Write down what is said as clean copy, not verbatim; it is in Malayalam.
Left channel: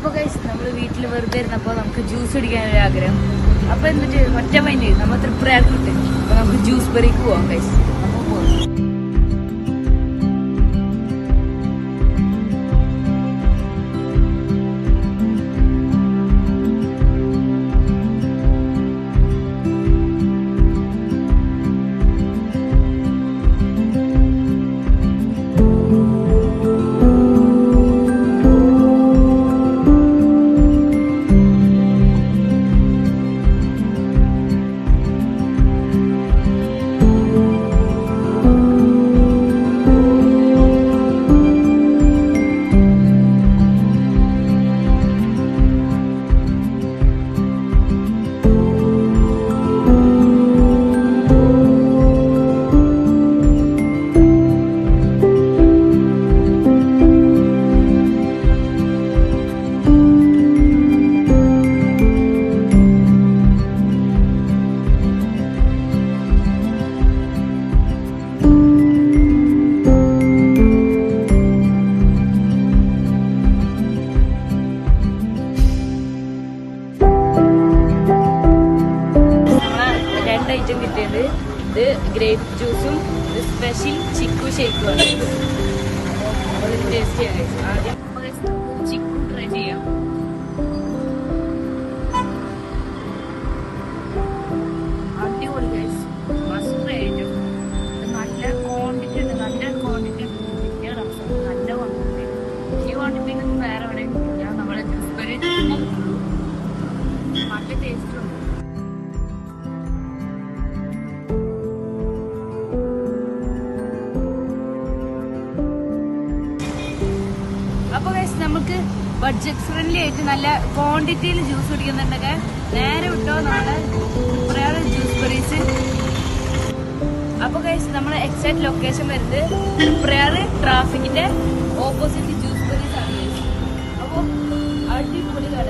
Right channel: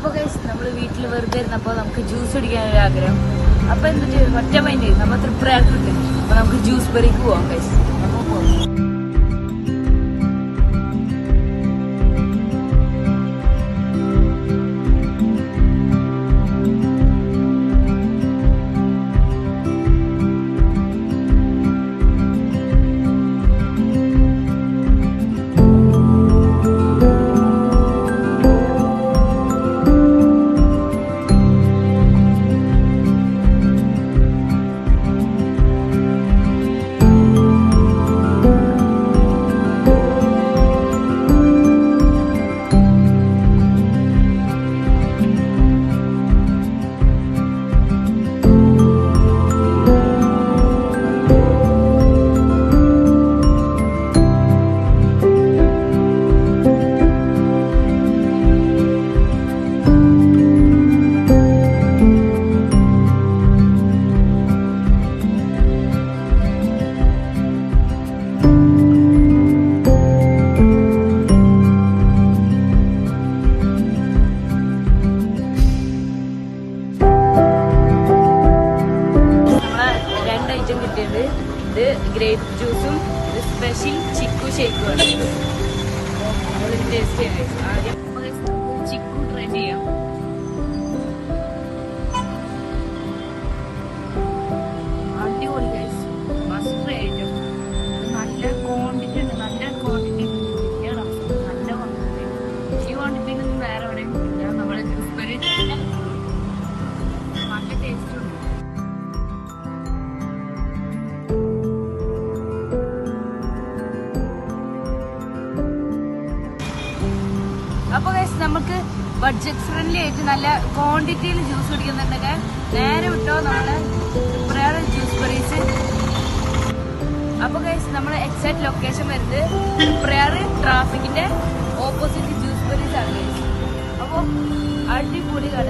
അപ്പൊ ഗൈസ് നമ്മള് വീട്ടിൽ വെറുതെ ഇരുന്നപ്പോ നമുക്ക് ജ്യൂസ് കുടിക്കാനൊരു ആഗ്രഹം. അപ്പൊ എന്നിട്ട് ഒറ്റ മൈൻഡ് നമ്മൾ തൃപ്രയാർക്ക് കിട്ടും. അപ്പൊ നമുക്ക് ജ്യൂസ് ബെറിക്ക് പോവാം ഗൈസ്. നമുക്ക് പോവാം. ഐറ്റം കിട്ടിയത് ഇത് ഗ്രേപ്പ് ജ്യൂസും ഇത് സ്പെഷ്യൽ ചിക്കു ഷേക്കുമാണ്. നമ്മൾ ടേസ്റ്റ് ചെയ്യാം. ആദ്യം ചിക്കു ട്രൈ ചെയ്യാം. അടിപൊളി ഗൈസ്, മസ്റ്റ് ട്രൈ ഐറ്റം. നല്ല ക്വാണ്ടിറ്റി ഉണ്ട്, നല്ല ക്വാണ്ടിറ്റി ഉണ്ട്. നല്ല ക്വാണ്ടിറ്റി. ഈ ക്വാണ്ടിറ്റിയിലൊന്നും വേറെ എവിടെയും ഇല്ല. നമ്മുടെ ജ്യൂസ് ബെറി നല്ല ടേസ്റ്റ് ഉണ്ട്. അപ്പൊ ഗൈസ് നമുക്ക് ബഡ്ജറ്റ് ഫ്രണ്ട്ലി ആയിട്ട് നല്ല ക്വാണ്ടിറ്റിയിൽ ജ്യൂസ് കുടിക്കുന്നുണ്ടൊക്കെ നേരെ വിട്ടോ നമ്മളെ തൃപ്രയാർ ജ്യൂസ് ബെറീസ്. അപ്പൊ ഗൈസ് നമ്മളെ എക്സാക്ട് ലൊക്കേഷൻ വരുന്നത് തൃപ്രയാർ ട്രാഫിക്കിന്റെ ഓപ്പോസിറ്റ് ജ്യൂസ് ബെറീസ് ആണ്. അപ്പൊ അടിപൊളി കട.